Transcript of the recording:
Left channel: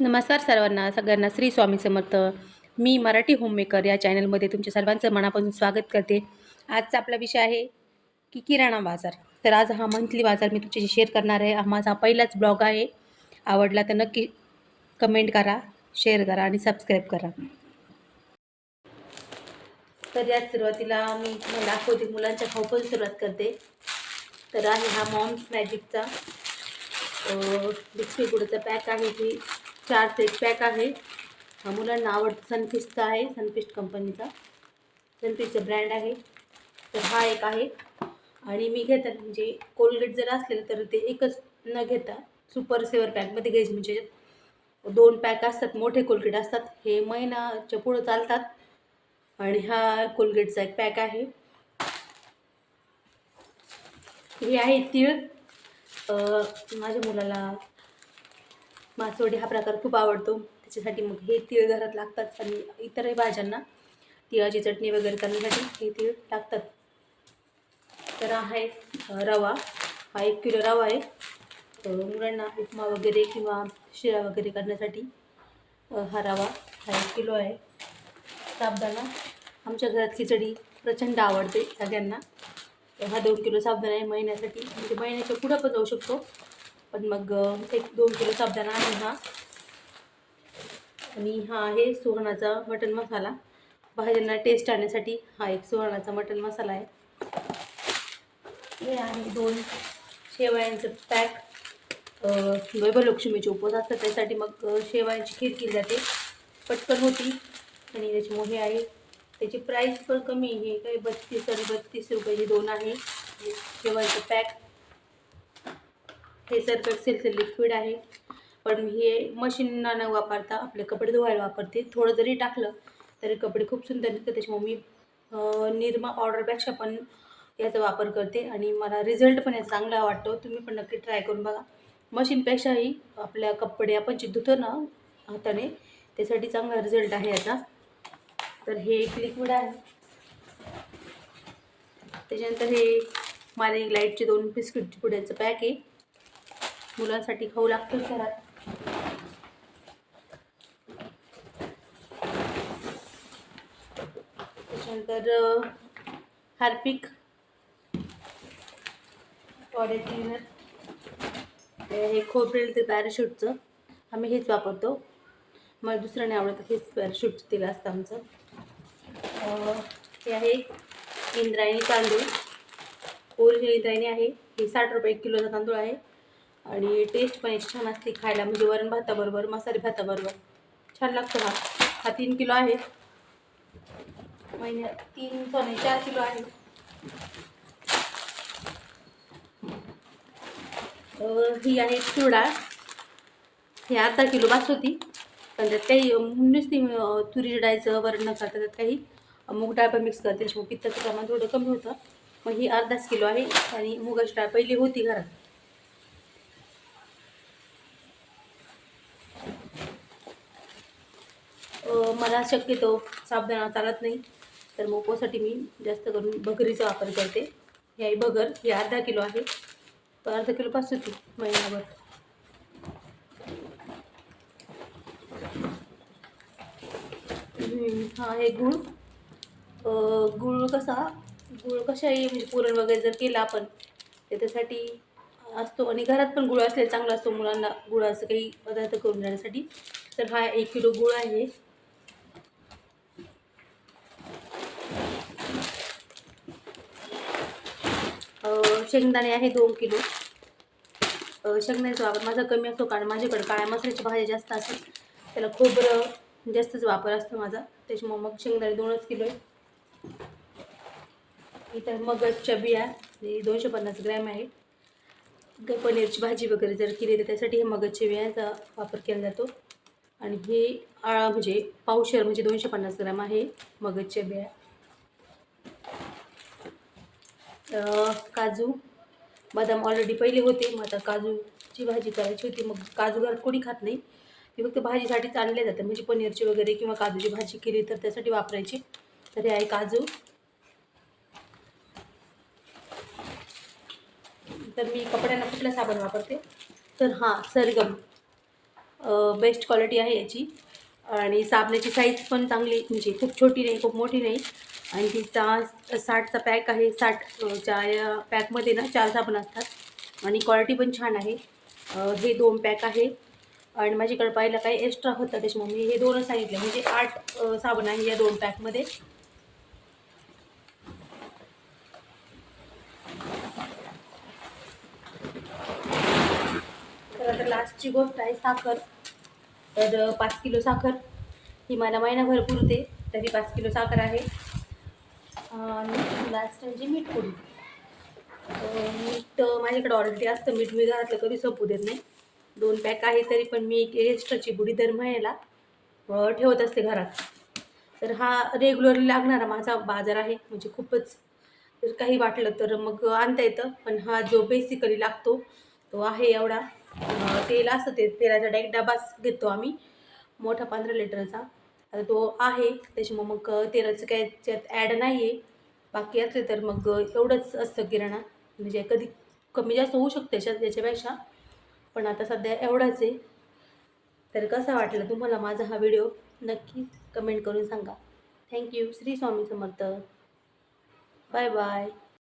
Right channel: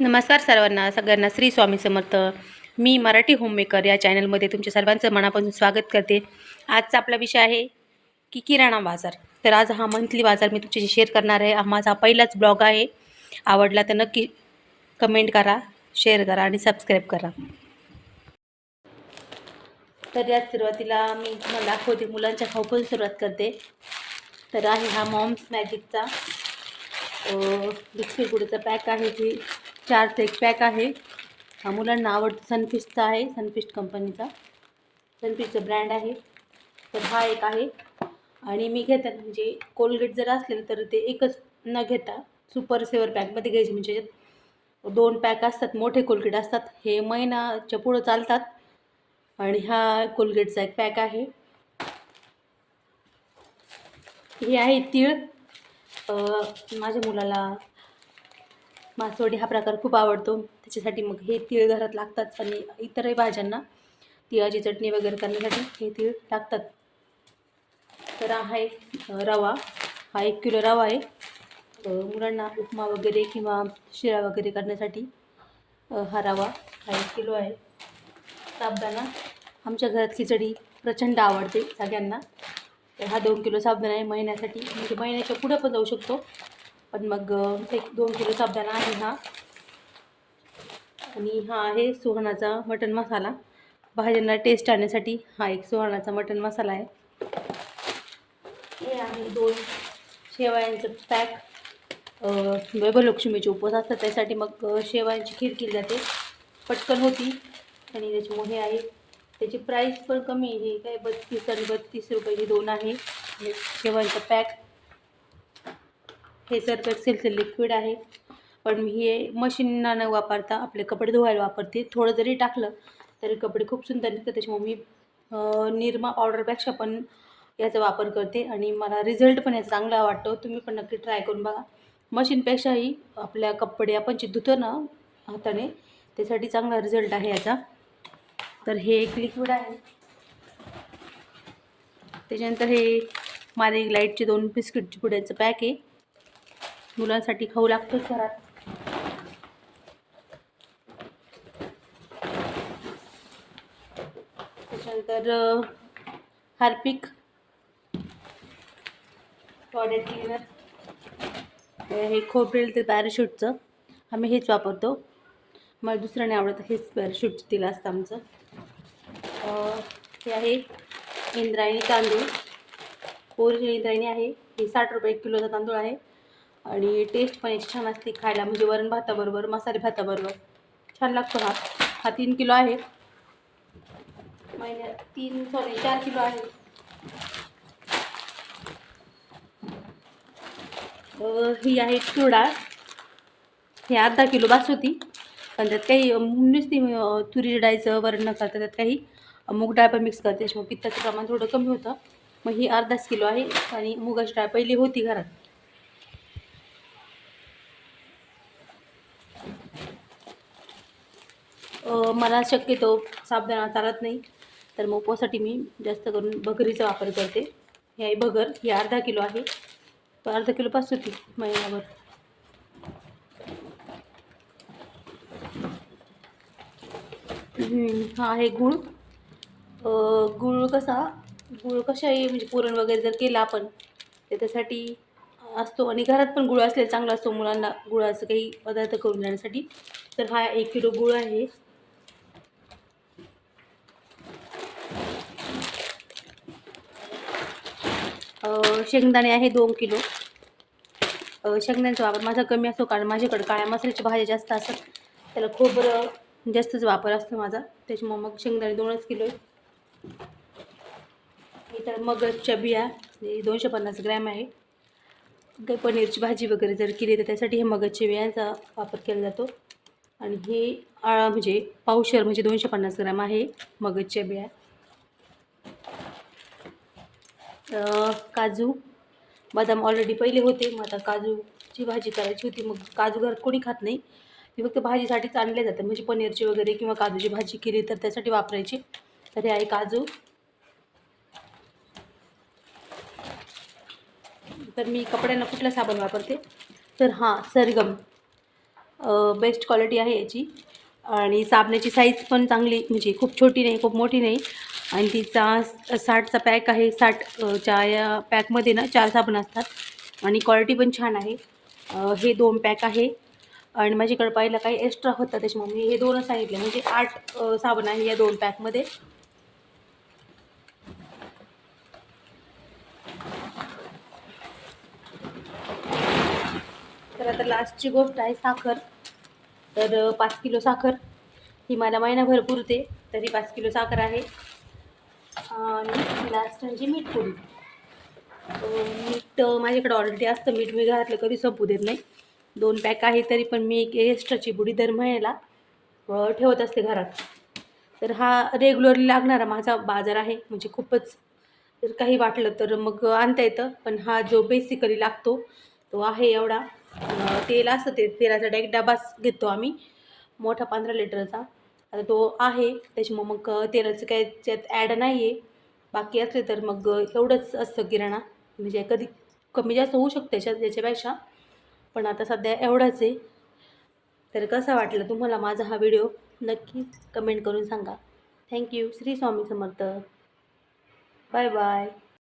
नमस्कार सर्वांना सगळ्यांना श्री स्वामी समर्थ. मी मराठी होममेकर या चॅनलमध्ये तुमच्या सर्वांचं मनापासून स्वागत करते. आजचा आपला विषय आहे की किराणा बाजार. तर आज हा मंथली बाजार मी तुमच्याशी शेअर करणार आहे. हा माझा पहिलाच ब्लॉग आहे. आवडला तर नक्की कमेंट करा शेअर करा आणि सबस्क्राईब करा. तर यात सुरुवातीला मी तुम्हाला दाखवते मुलांच्या खाऊपासून सुरुवात करते. तर आहे हा मॉम्स मॅजिकचा बिस्किट गुडचा पॅक आहे. ही चारचं एक पॅक आहे. हा मुलांना आवडतं सनफिस्टचा आहे. सनफिस्ट कंपनीचा सनफिस्टचा ब्रँड आहे. तर हा एक आहे. आणि मी घेते म्हणजे कोलगेट जर असलेलं तर ते एकच न घेता सुपर सेवर पॅकमध्ये घ्यायचे. म्हणजे दोन पॅक असतात मोठे कोलगेट असतात. हे महिनाच्या पुढं चालतात. आणि हा कोलगेटचा एक पॅक आहे. हे आहे तीळ. माझ्या मुलाला मासवडी हा प्रकार खूप आवडतो. त्याच्यासाठी मग हे तीळ घरात लागतात आणि इतरही भाज्यांना तिळाची चटणी वगैरे करण्यासाठी हे तीळ लागतात. तर आहे एक रवा. हा एक किलो रवा आहे. मुलांना उपमा वगैरे किंवा शिरा वगैरे करण्यासाठी हा रवा हा एक किलो आहे. साबदाणा. आमच्या घरात खिचडी प्रचंड आवडते सगळ्यांना. तर हा दोन किलो साबुदाणा आहे महिन्यासाठी. म्हणजे महिन्याच्या पुढं पण जाऊ शकतो. पण मग एक दोन किलो साबदाणा आहे हा. आणि हा आहे सुहाणाचा मटण मसाला. भाज्यांना टेस्ट आणण्यासाठी हा एक सुहाणाचा मटण मसाला आहे. हे आहे दोन शेवयांचं पॅक वैभवलक्ष्मीचे उपवास असतात त्यासाठी मग शेवयांची खीर केली जाते. पटकन होती. आणि त्याच्यामुळे हे आहे. त्याची प्राईस पण कमी आहे. हे काय बत्तीस आणि बत्तीस रुपयाची दोन आहे. हे शेवयांचं पॅक हे सर्फ एक्सेलचं लिक्विड आहे. पण मी हे मशीनना न वापरता आपले कपडे धुवायला वापरते. थोडं जरी टाकलं तरी कपडे खूप सुंदर निघतात. त्याच्यामुळे मी निरमा पावडरपेक्षा पण याचा वापर करते. आणि मला रिझल्ट पण याचा चांगला वाटतो. तुम्ही पण नक्की ट्राय करून बघा. मशीनपेक्षाही आपल्या कपडे आपण जे धुतो ना हाताने त्यासाठी चांगला रिझल्ट आहे याचा. तर हे एक लिक्विड आहे. त्याच्यानंतर हे माझे लाईटचे दोन बिस्किटचे पुड्याचं पॅक आहे. मुलांसाठी खाऊ लागतो घरात त्याच्यानंतर हार्पिक. टॉयलेट क्लिनर हे खोबरेल ते पॅराशूटचं. आम्ही हेच वापरतो. मला दुसरं नाही आवडत हेच पॅराशूटचं तिला असतं आमचं. हे आहे इंद्रायणी तांदूळ. ओरिजिनल इंद्रायणी आहे. हे साठ रुपये एक किलोचा तांदूळ आहे. आणि टेस्ट पण एक छान असते खायला. म्हणजे वरण भाताबरोबर मसाले भाताबरोबर. छान लागतो हा हा तीन किलो आहे. महिन्यात तीन सॉरी चार किलो आहे. ही आहे तूर हे ही अर्धा किलो बास पण त्यात काही नुसती तुरी डाळीचं वरण न करता त्यात काही मूग डाळ पण मिक्स करते. त्याच्यामुळे पित्ताचं प्रमाण थोडं कमी होतं. मग ही अर्धाच किलो आहे. आणि मुगाची डाळ पहिली होती घरात. मला शक्यतो साबदाणा चालत नाही. तर मग उपवासाठी मी जास्त करून भगरीचा वापर करते. हे आहे भगर ही अर्धा किलो आहे. पण अर्धा किलो पाच होती महिनाभर. हा आहे गुळ. गुळ कसा गुळ कशाही म्हणजे पुरण वगैरे जर केलं आपण तर असतो. आणि घरात पण गुळ असलेला चांगला असतो मुलांना गुळाचं काही पदार्थ करून देण्यासाठी. तर हा एक किलो गुळ आहे. शेंगदाणे आहे दोन किलो. शेंगदाण्याचा वापर माझा कमी असतो कारण माझ्याकडे काळ्या मसाल्याची भाज्या जास्त असतात त्याला खोबरं जास्तच वापर असतो माझा. त्याच्यामुळे मग शेंगदाणे दोनच किलो आहे. इतर मगजच्या बिया दोनशे पन्नास ग्रॅम आहे. काही पनीरची भाजी वगैरे जर केली तर त्यासाठी हे मगजच्या बियांचा वापर केला जातो. आणि हे आळा म्हणजे पावशर म्हणजे दोनशे पन्नास ग्रॅम आहे मगजच्या बिया. काजू. बदाम ऑलरेडी पहिले होते मग आता काजूची भाजी करायची होती मग काजू घरात कोणी खात नाही. ती फक्त भाजीसाठीच आणले जाते म्हणजे पनीरची वगैरे किंवा काजूची भाजी केली तर त्यासाठी वापरायची. तर हे आहे काजू. तर मी कपड्यांना कुठला साबण वापरते? तर हां सरगम. बेस्ट क्वालिटी आहे याची. आणि साबणाची साईज पण चांगली म्हणजे खूप छोटी नाही खूप मोठी नाही. आणि तिचा साठचा पॅक आहे साठ या पॅकमध्ये ना चार साबण असतात. आणि क्वालिटी पण छान आहे. हे दोन पॅक आहे. आणि माझ्याकडे पाहिलं काही एक्स्ट्रा होतं त्याच्यामुळे मी हे दोनच सांगितले. म्हणजे आठ साबण आहे या दोन पॅकमध्ये तर आता लास्टची गोष्ट आहे साखर. तर पाच किलो साखर. ही मला महिनाभर पुरते तरी पाच किलो साखर आहे. आणि लास्ट म्हणजे मीठ पुरी. मीठ माझ्याकडे ऑलरेडी असतं. मीठ मी घरातलं कधी संपू देत नाही. दोन पॅक आहे तरी पण मी एक एक्स्ट्राची बुडी दर महिन्याला ठेवत असते घरात. तर हा रेग्युलरली लागणारा माझा बाजार आहे. म्हणजे खूपच जर काही वाटलं तर मग आणता येतं. पण हा जो बेसिकली लागतो तो आहे एवढा. तेल असतं ते तेलाचा एक डबाच घेतो आम्ही. मोठा पंधरा लिटरचा. आता तो आहे त्याच्यामुळे मग तेलाचं काय त्यात ॲड नाही आहे बाकी असले तर मग एवढंच असतं किराणा. म्हणजे कधी कमी जास्त होऊ शकते याच्यात याच्यापेक्षा. पण आता सध्या एवढंच आहे. तर कसा वाटलं तुम्हाला माझा हा व्हिडिओ नक्की कमेंट करून सांगा. Thank you Shri Swami Samarth. Bye bye